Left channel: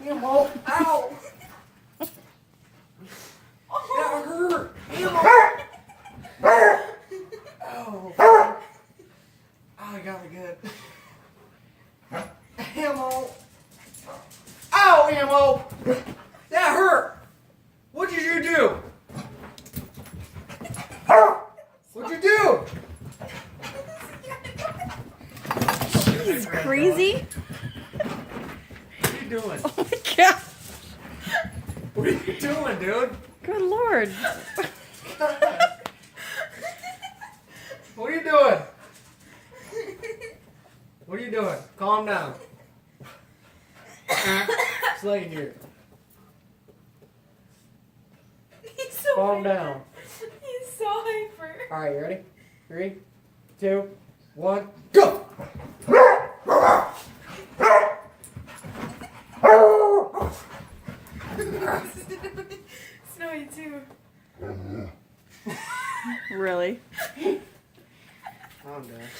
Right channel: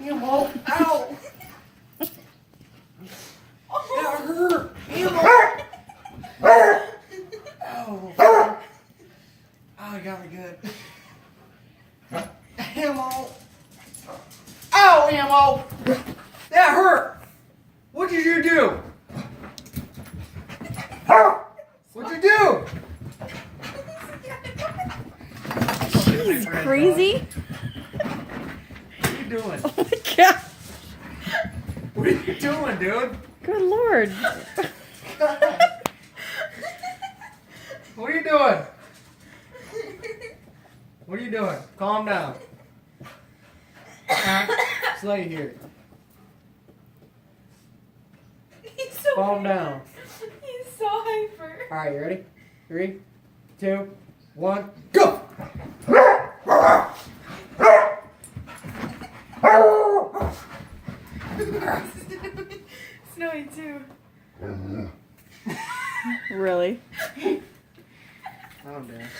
Ammo! Ow! That hurt! Ammo! Ow! Oh, I got me good. Ammo! Ow, Ammo! That hurt! What did you do? What'd you do? He's crazy. What are you doing? Oh my god. What are you doing, dude? Good lord. What are you doing? What are you doing? Calm down. Slay here. He's so Calm down. He's so hyper. Alright, you ready? 3, 2, 1, go! Snowy too. Really? I'm dead.